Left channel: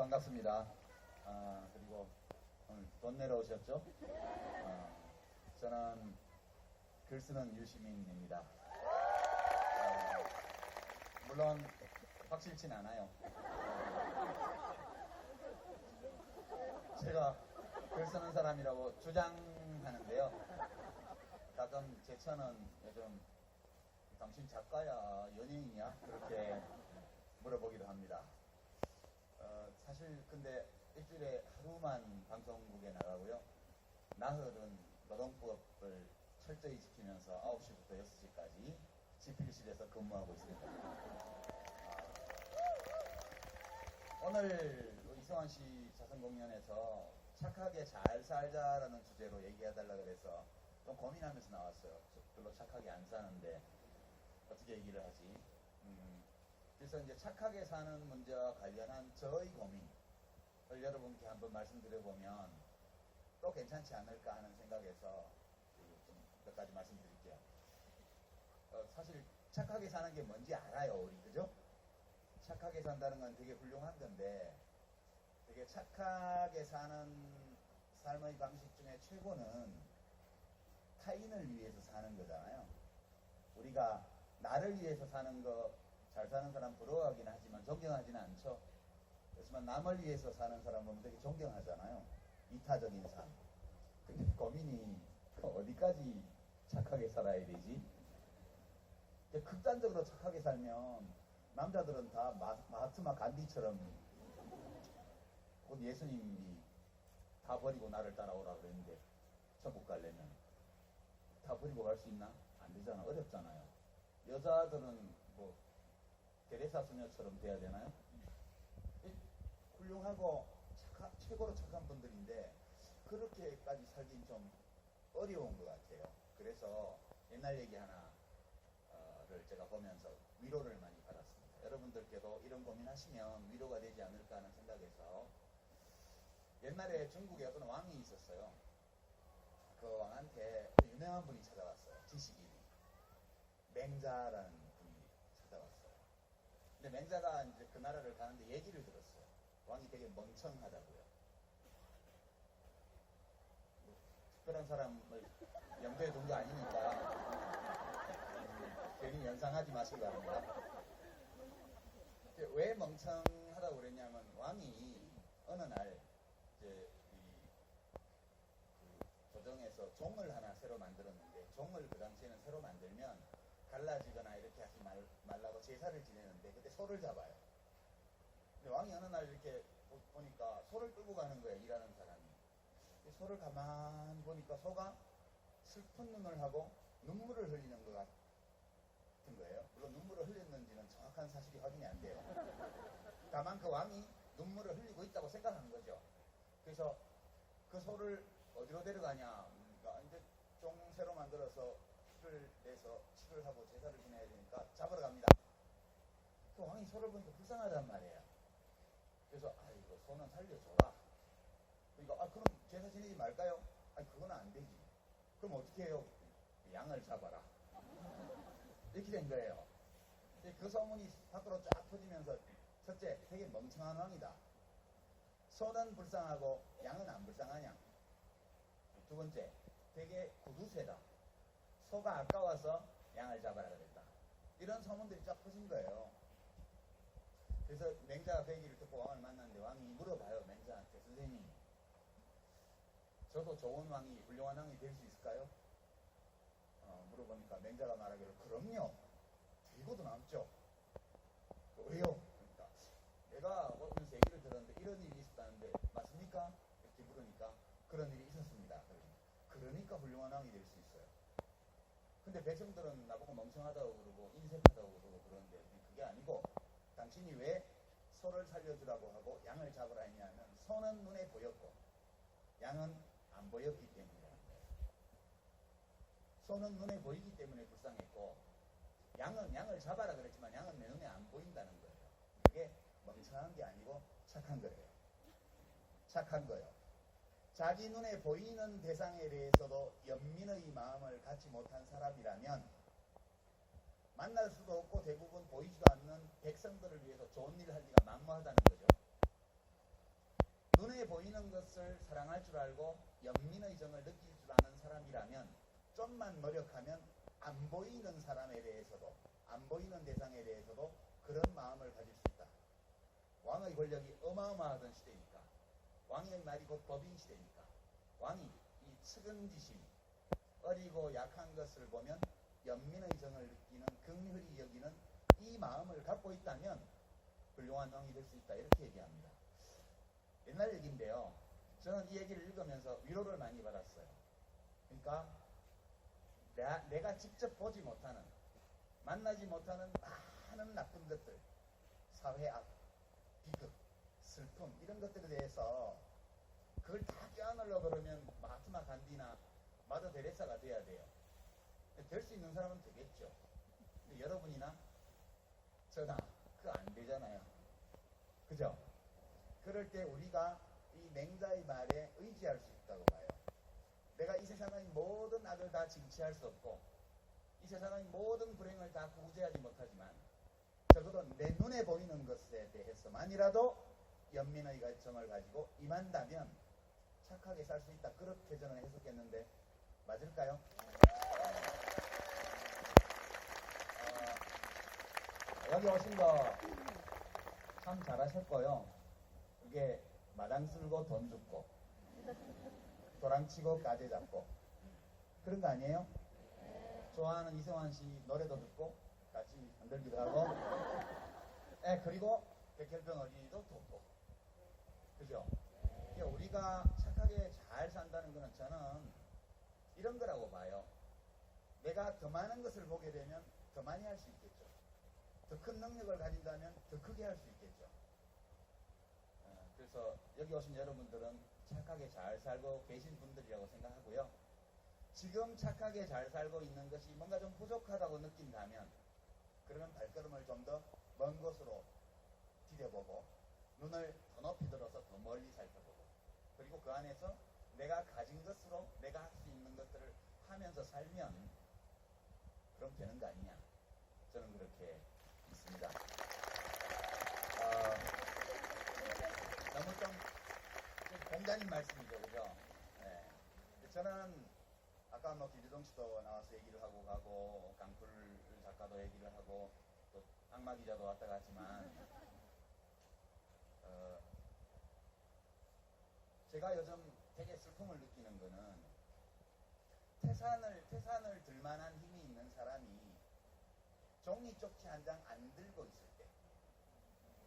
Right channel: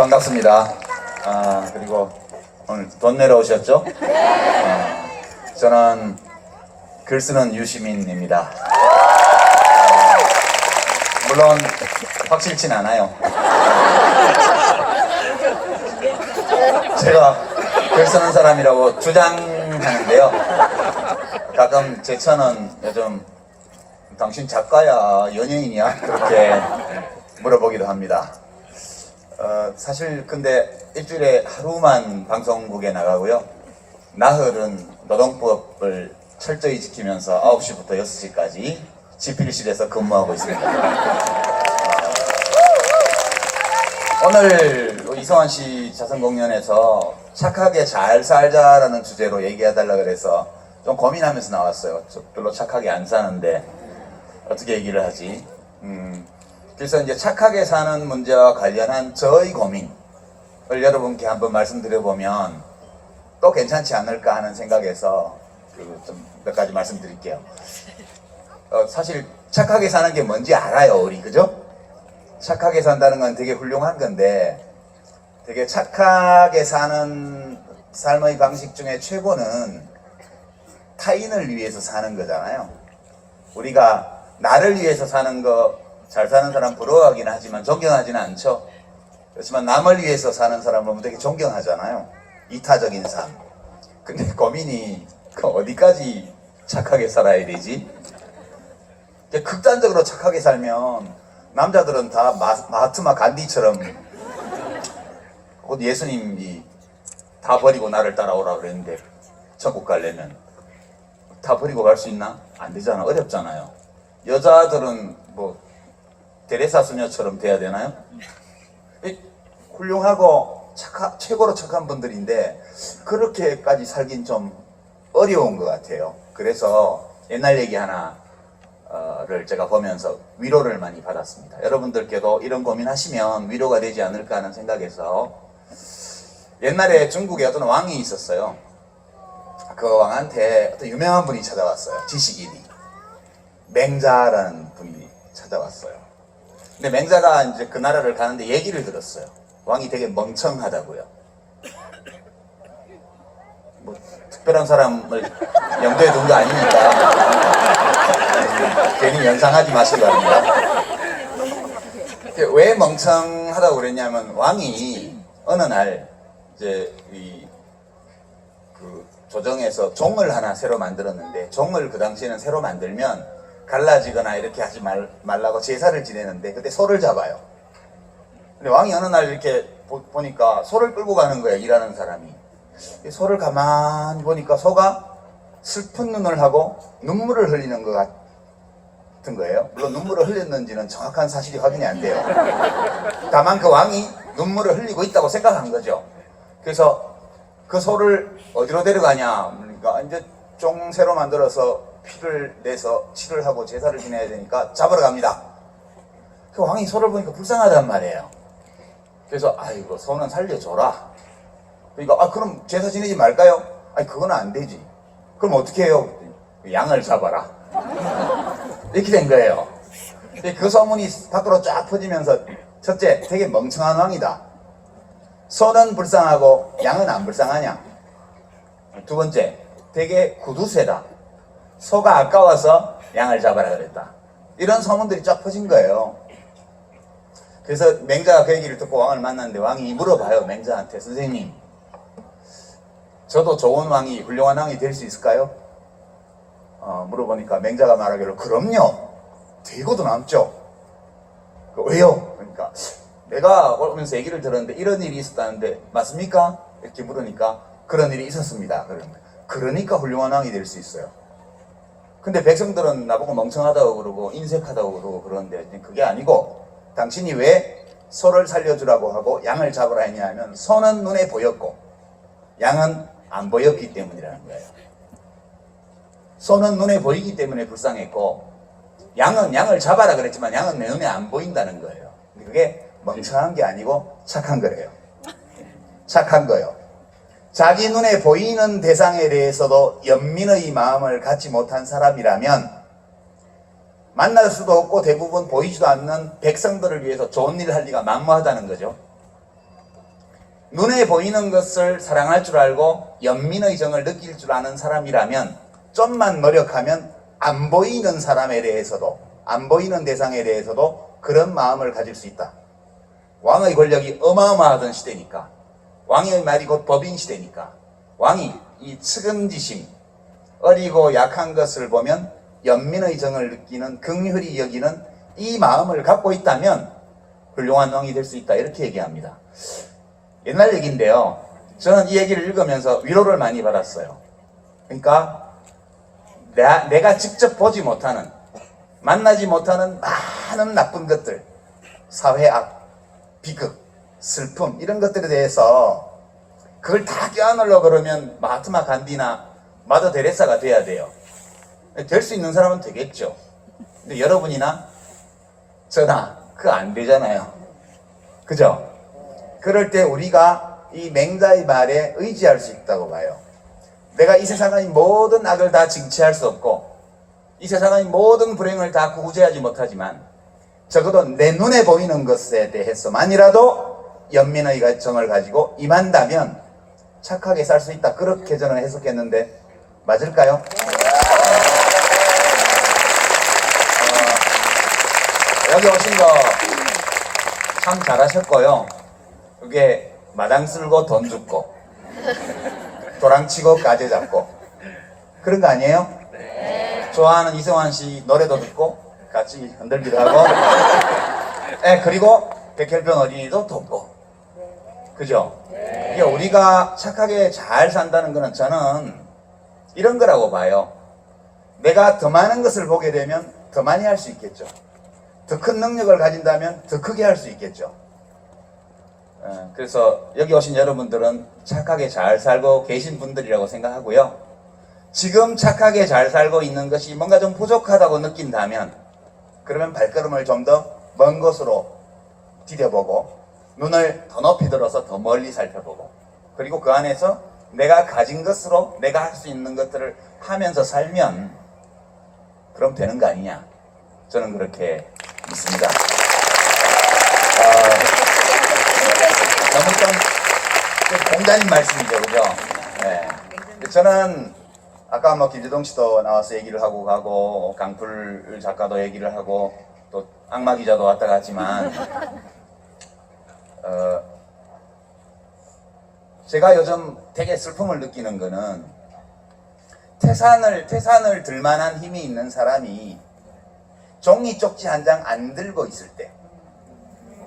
반갑습니다. 그리고 오늘 돈 내러 오셨죠? 저는 글 쓰는 유시민입니다. 물론 확실치는 않아요. 제가 글 쓰는 사람이라고 주장하는데요. 가끔 제 처는 요즘 당신 작가야 연예인이야 그렇게 물어보기도 합니다. 사실 근데 일주일에 하루만 방송국에 나가고요. 나흘은 노동법을 철저히 지키면서 9시부터 6시까지 집필실에서 근무하고 있습니다. 오늘 이성환 씨 자선공연에서 착하게 잘 살자라는 주제로 얘기해달라 그래서 좀 고민하면서 나왔어요. 저 별로 착하게 안 사는데 어떻게 얘기를 하지? 그래서 이제 착하게 사는 문제와 관련한 저의 고민을 여러분께 한번 말씀드려보면 또 괜찮지 않을까 하는 생각에서 좀 몇 가지 말씀드릴게요. 사실 착하게 사는 게 뭔지 알아요, 우리, 그죠? 착하게 산다는 건 되게 훌륭한 건데 되게 착하게 사는 삶의 방식 중에 최고는 타인을 위해서 사는 거잖아요. 우리가 나를 위해서 사는 거 잘 사는 사람 부러워하긴 하지만 존경하지는 않죠. 그렇지만 남을 위해서 사는 사람은 되게 존경하잖아요. 이타적인 삶. 근데 고민이 어디까지 착하게 살아야 되지? 극단적으로 착하게 살면 남자들은 다 마하트마 간디처럼 곧 예수님이 다 버리고 나를 따라오라 그랬는데 천국 가려면 다 버리고 갈 수 있나? 안 되잖아. 어렵잖아요. 여자들은 뭐 데레사 수녀처럼 돼야 되나요? 훌륭하고 최고로 착한 분들인데 그렇게까지 살긴 좀 어려운 것 같아요. 그래서 옛날 얘기 하나를 제가 보면서 위로를 많이 받았습니다. 여러분들께도 이런 고민하시면 위로가 되지 않을까 하는 생각에서 옛날에 중국에 어떤 왕이 있었어요. 그 왕한테 어떤 유명한 분이 찾아왔어요. 지식인이. 맹자라는 분이 찾아왔어요. 근데 맹자가 이제 그 나라를 가는데 얘기를 들었어요. 왕이 되게 멍청하다고요. 뭐 특별한 사람을 염두에 둔 거 아니니까 괜히 연상하지 마시기 바랍니다. 왜 멍청하다고 그랬냐면 왕이 어느 날 이제 그 조정에서 종을 하나 새로 만들었는데 종을 그 당시에는 새로 만들면 갈라지거나 이렇게 하지 말라고 제사를 지내는데 그때 소를 잡아요. 근데 왕이 어느 날 이렇게 보니까 소를 끌고 가는 거예요. 일하는 사람이. 소를 가만히 보니까 소가 슬픈 눈을 하고 눈물을 흘리는 것 같은 거예요. 물론 눈물을 흘렸는지는 정확한 사실이 확인이 안 돼요. 다만 그 왕이 눈물을 흘리고 있다고 생각한 거죠. 그래서 그 소를 어디로 데려가냐? 그러니까 이제 종 새로 만들어서 피를 내서 치를 하고 제사를 지내야 되니까 잡으러 갑니다. 그 왕이 소를 보니까 불쌍하단 말이에요. 그래서 아이고 소는 살려줘라. 그러니까 그럼 제사 지내지 말까요? 아니 그건 안 되지. 그럼 어떻게 해요? 양을 잡아라. 이렇게 된 거예요. 그 소문이 밖으로 쫙 퍼지면서 첫째, 되게 멍청한 왕이다. 소는 불쌍하고 양은 안 불쌍하냐? 두 번째, 되게 구두쇠다. 소가 아까워서 양을 잡아라 그랬다. 이런 소문들이 쫙 퍼진 거예요. 그래서 맹자가 그 얘기를 듣고 왕을 만났는데 왕이 물어봐요. 맹자한테, 선생님, 저도 좋은 왕이, 훌륭한 왕이 될 수 있을까요? 물어보니까 맹자가 말하기를 그럼요. 되고도 남죠. 왜요? 그러니까 내가 오면서 얘기를 들었는데 이런 일이 있었다는데 맞습니까? 이렇게 물으니까 그런 일이 있었습니다. 그러니까 훌륭한 왕이 될 수 있어요. 근데 백성들은 나보고 멍청하다고 그러고 인색하다고 그러고 그러는데 그게 아니고 당신이 왜 소를 살려주라고 하고 양을 잡으라 했냐면 소는 눈에 보였고 양은 안 보였기 때문이라는 거예요. 소는 눈에 보이기 때문에 불쌍했고 양은 양을 잡아라 그랬지만 양은 내 눈에 안 보인다는 거예요. 그게 멍청한 게 아니고 착한 거래요. 착한 거요. 자기 눈에 보이는 대상에 대해서도 연민의 마음을 갖지 못한 사람이라면 만날 수도 없고 대부분 보이지도 않는 백성들을 위해서 좋은 일을 할 리가 만무하다는 거죠. 눈에 보이는 것을 사랑할 줄 알고 연민의 정을 느낄 줄 아는 사람이라면 좀만 노력하면 안 보이는 사람에 대해서도, 안 보이는 대상에 대해서도 그런 마음을 가질 수 있다. 왕의 권력이 어마어마하던 시대니까, 왕의 말이 곧 법인 시대니까, 왕이 이 측은지심, 어리고 약한 것을 보면 연민의 정을 느끼는, 긍휼히 여기는 이 마음을 갖고 있다면 훌륭한 왕이 될 수 있다, 이렇게 얘기합니다. 옛날 얘기인데요, 저는 이 얘기를 읽으면서 위로를 많이 받았어요. 그러니까 내가 직접 보지 못하는, 만나지 못하는 많은 나쁜 것들, 사회악, 비극, 슬픔, 이런 것들에 대해서 그걸 다 껴안으려고 그러면 마하트마 간디나 마더 데레사가 돼야 돼요. 될 수 있는 사람은 되겠죠. 근데 여러분이나 저나 그거 안 되잖아요. 그죠? 그럴 때 우리가 이 맹자의 말에 의지할 수 있다고 봐요. 내가 이 세상의 모든 악을 다 징치할 수 없고 이 세상의 모든 불행을 다 구제하지 못하지만 적어도 내 눈에 보이는 것에 대해서만이라도 연민의 정을 가지고 임한다면 착하게 살 수 있다. 그렇게 저는 해석했는데 맞을까요? 여기 오신 거 참 잘하셨고요. 그게 마당 쓸고 돈 줍고 도랑치고 가재 잡고 그런 거 아니에요? 네. 좋아하는 이승환 씨 노래도 듣고 같이 흔들기도 하고 네, 그리고 백혈병 어린이도 돕고 그죠? 네. 이게 우리가 착하게 잘 산다는 거는 저는 이런 거라고 봐요. 내가 더 많은 것을 보게 되면 더 많이 할 수 있겠죠. 더 큰 능력을 가진다면 더 크게 할 수 있겠죠. 그래서 여기 오신 여러분들은 착하게 잘 살고 계신 분들이라고 생각하고요. 지금 착하게 잘 살고 있는 것이 뭔가 좀 부족하다고 느낀다면 그러면 발걸음을 좀 더 먼 곳으로 디뎌보고 눈을 더 높이 들어서 더 멀리 살펴보고 그리고 그 안에서 내가 가진 것으로 내가 할 수 있는 것들을 하면서 살면 그럼 되는 거 아니냐, 저는 그렇게 믿습니다. 너무 좀 공자님 말씀이죠, 그죠? 네. 저는 아까 뭐 김재동 씨도 나와서 얘기를 하고 가고 강풀 작가도 얘기를 하고 또 악마 기자도 왔다 갔지만 제가 요즘 되게 슬픔을 느끼는 거는 태산을 들만한 힘이 있는 사람이 종이 쪽지 한 장 안 들고 있을 때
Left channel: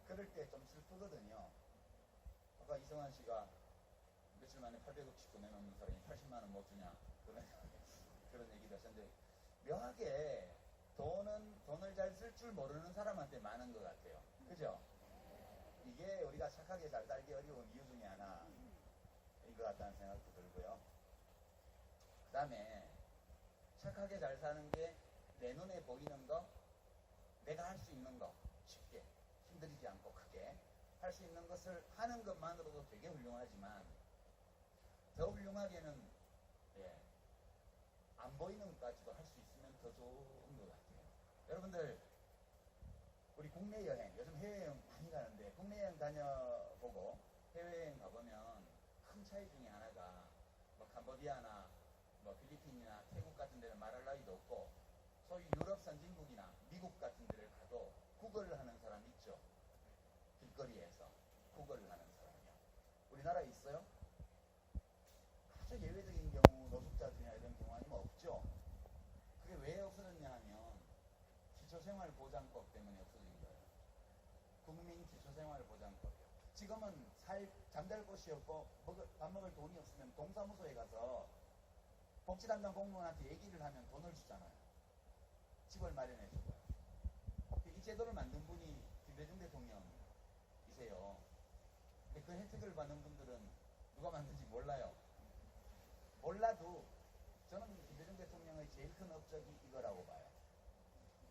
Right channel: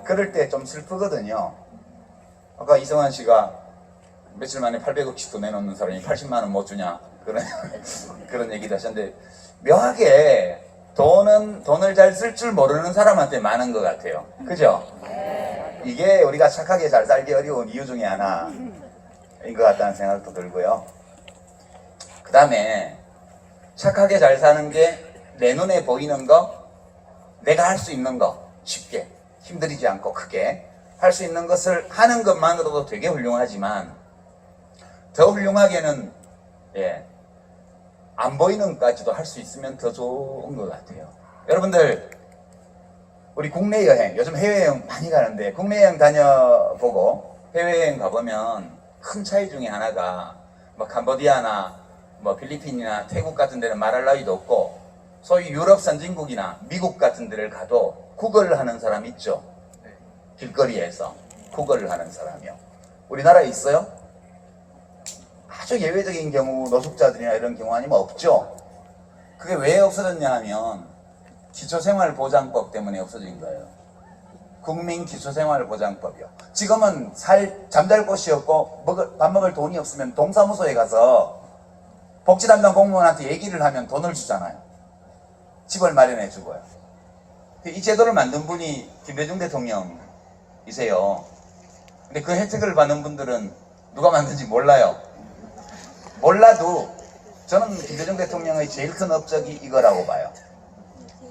그럴 때 좀 슬프거든요. 아까 이성환 씨가 며칠 만에 800억씩도 내놓는 사람이 80만 원 못 주냐 그런 얘기도 하셨는데 묘하게 돈을 잘 쓸 줄 모르는 사람한테 많은 것 같아요. 그죠? 이게 우리가 착하게 잘 살기 어려운 이유 중에 하나인 것 같다는 생각도 들고요. 그 다음에 착하게 잘 사는 게 내 눈에 보이는 거, 내가 할 수 있는 거 쉽게 힘들이지 않고 크게 할 수 있는 것을 하는 것만으로도 되게 훌륭하지만 더 훌륭하게는 안 보이는 것까지도 할 수 있으면 더 좋은 것 같아요. 여러분들 우리 국내 여행, 요즘 해외여행 많이 가는데 국내 여행 다녀보고 해외여행 가보면 큰 차이 중에 하나가 뭐 캄보디아나 뭐 필리핀이나 태국 같은 데는 말할 나위도 없고 소위 유럽 선진국이나 미국 같은 데를 가도 구걸을 하는 사람 있죠. 길거리에서 구걸을 하는 사람이요. 우리나라에 있어요? 아주 예외적인 경우 노숙자들이나 이런 경우 아니면 없죠. 그게 왜 없어졌냐 하면 기초생활보장법 때문에 없어진 거예요. 국민기초생활보장법이요. 지금은 잠잘 곳이 없고 밥 먹을 돈이 없으면 동사무소에 가서 복지담당 공무원한테 얘기를 하면 돈을 주잖아요. 집을 마련해 주고요. 이 제도를 만든 분이 김대중 대통령이세요. 근데 그 혜택을 받는 분들은 누가 만든지 몰라요. 몰라도 저는 김대중 대통령의 제일 큰 업적이 이거라고 봐요.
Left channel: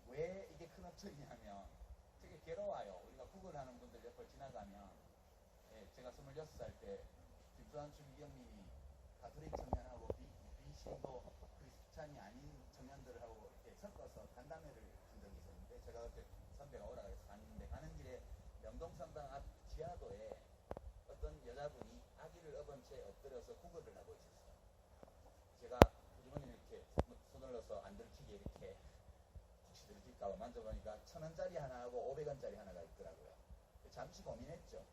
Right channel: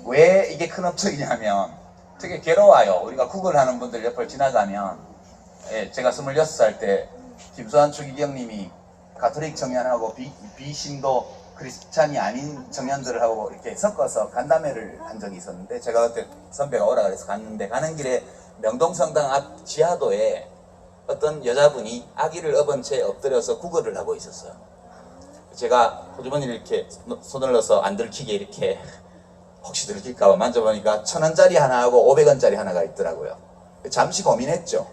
왜 이게 큰 업적이냐면 되게 괴로워요. 우리가 구걸하는 분들 옆을 지나가면 제가 26살 때 김수환 추기경님이 가톨릭 청년하고 비신도 크리스찬이 아닌 청년들하고 이렇게 섞어서 간담회를 한 적이 있었는데 제가 그때 선배가 오라 그래서 갔는데 가는 길에 명동성당 앞 지하도에 어떤 여자분이 아기를 업은 채 엎드려서 구걸을 하고 있었어요. 제가 호주머니를 이렇게 손을 넣어서 안 들키게 이렇게 혹시 들킬까봐 만져보니까 1,000원짜리 하나하고 500원짜리 하나가 있더라고요. 잠시 고민했죠.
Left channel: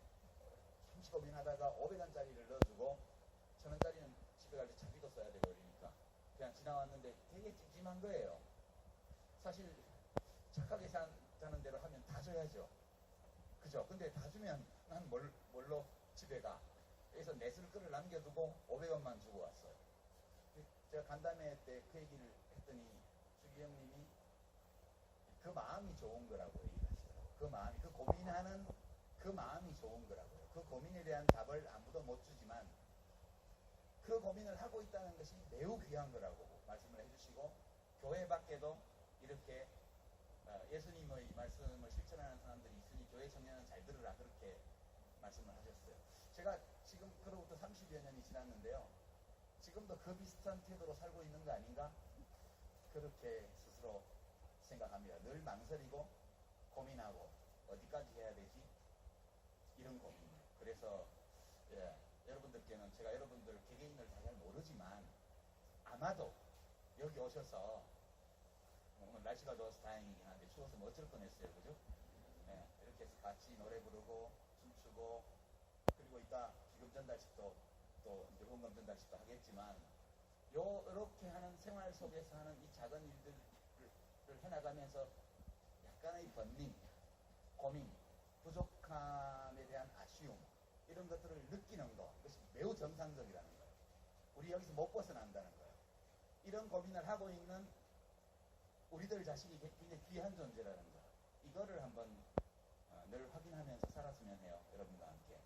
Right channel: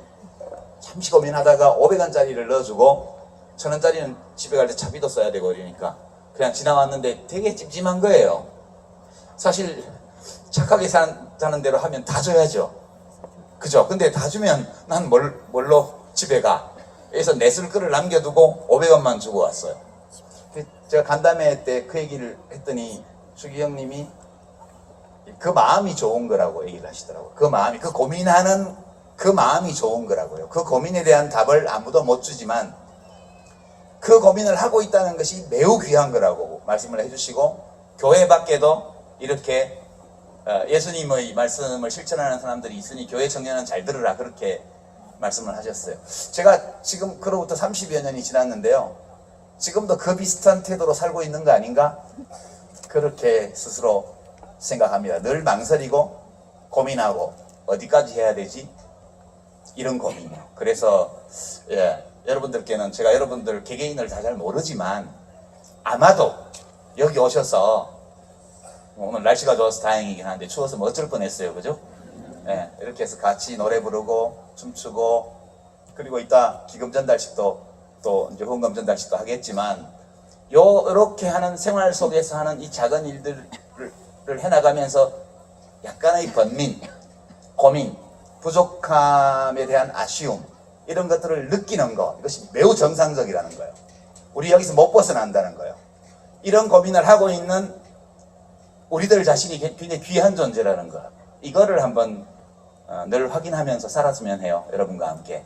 잠시 고민하다가 500원짜리를 넣어주고 1,000원짜리는 집에 갈 때 차비도 써야 되고 이러니까 그냥 지나왔는데 되게 찜찜한 거예요. 사실 착하게 사는 대로 하면 다 줘야죠. 그죠? 근데 다 주면 난 뭘로 집에 가? 그래서 내 쓸 거를 남겨두고 500원만 주고 왔어요. 제가 간담회 때 그 얘기를 했더니 수기 형님이 그 마음이 좋은 거라고 얘기를 하시더라고요. 그 마음이, 그 고민하는 그 마음이 좋은 거라고요. 그 고민에 대한 답을 아무도 못 주지만 그 고민을 하고 있다는 것이 매우 귀한 거라고 말씀을 해주시고, 교회 밖에도 이렇게 예수님의 말씀을 실천하는 사람들이 있으니 교회 청년은 잘 들으라, 그렇게 말씀을 하셨어요. 제가 지금 그로부터 30여 년이 지났는데요, 지금도 그 비슷한 태도로 살고 있는 거 아닌가? 그렇게 스스로 생각합니다. 늘 망설이고 고민하고 어디까지 해야 되지? 이런 고민이요. 그래서 여러분들께는, 제가 여러분들 개개인을 다 잘 모르지만 아마도 여기 오셔서 오늘 날씨가 좋아서 다행이긴 한데 추워서 어쩔 뻔했어요. 그죠? 이렇게 해서 같이 노래 부르고 춤추고, 그리고 이따 기금 전달식도 또 이제 후원금 전달식도 하겠지만, 이렇게 하는 생활 속에서 하는 이 작은 일들을 해나가면서 약간의 번민, 고민, 부족함에 대한 아쉬움, 이런 것들을 느끼는 것, 이것이 매우 정상적이라는 거예요. 우리 여기서 못 벗어난다는 거예요. 이런 고민을 하고 있는 우리들 자신이 굉장히 귀한 존재라는 거, 이거를 한번 늘 확인하면서 살았으면 해요. 여러분과 함께.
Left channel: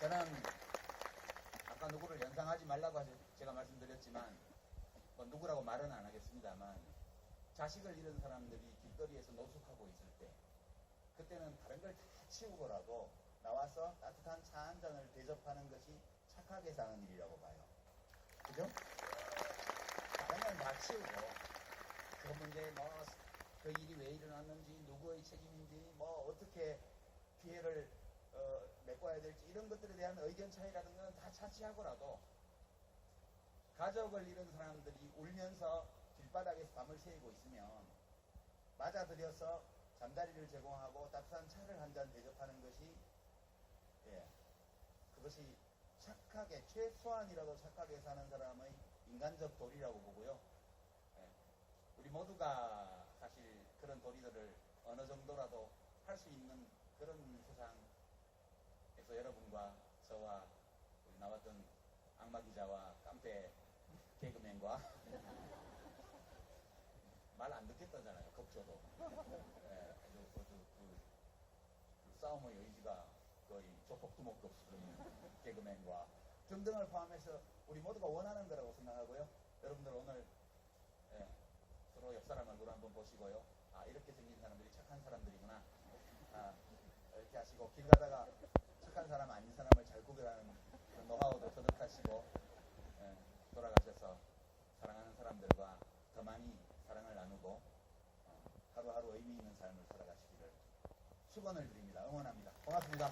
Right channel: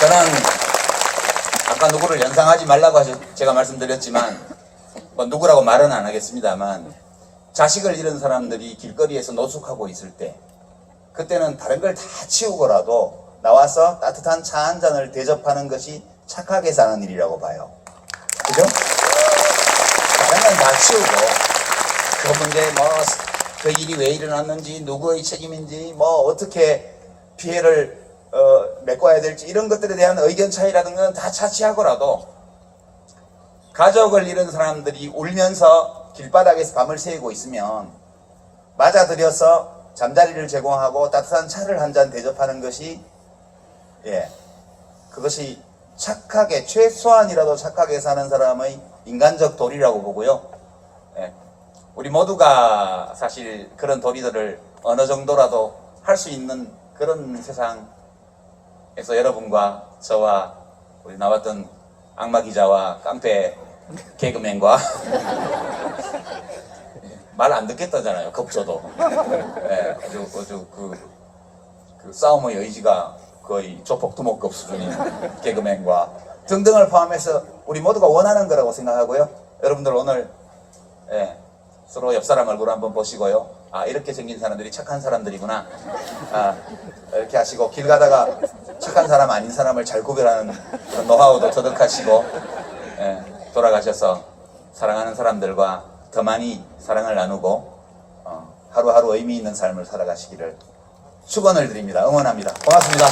저는 아까 누구를 연상하지 말라고 제가 말씀드렸지만, 뭐 누구라고 말은 안 하겠습니다만, 자식을 잃은 사람들이 길거리에서 노숙하고 있을 때, 그때는 다른 걸 다 치우고라도 나와서 따뜻한 차 한 잔을 대접하는 것이 착하게 사는 일이라고 봐요. 그죠? 다른 건 다 치우고, 그 문제, 그 일이 왜 일어났는지, 누구의 책임인지, 어떻게 피해를 메꿔야 될지, 이런 것들에 대한 의견 차이라든가 다 차치하고라도, 가족을 잃은 사람들이 울면서 길바닥에서 밤을 새우고 있으면 맞아들여서 잠자리를 제공하고 따뜻한 차를 한 잔 대접하는 것이, 그것이 착하게, 최소한이라도 착하게 사는 사람의 인간적 도리라고 보고요. 우리 모두가 사실 그런 도리들을 어느 정도라도 할 수 있는 그런 세상에서 여러분과 저와 우리 나왔던 악마 기자와 깡패 개그맨과 말 안 듣겠다잖아요. 겁줘도. 아주 그 싸움의 의지가 거의 조폭두목급 수준인 개그맨과 등등을 포함해서 우리 모두가 원하는 거라고 생각하고요. 여러분들 오늘 서로 옆 사람 얼굴 한번 보시고요. 이렇게 생긴 사람들이 착한 사람들이구나. 이렇게 하시고, 길 가다가 착한 사람 아닌 사람을 잘 구별하는 그런 노하우도 터득하시고, 돌아가셔서 사랑하는 사람들과 더 많이 사랑을 나누고 하루하루 의미 있는 삶을 살아가시기를 축원을 드립니다. 응원합니다. 고맙습니다.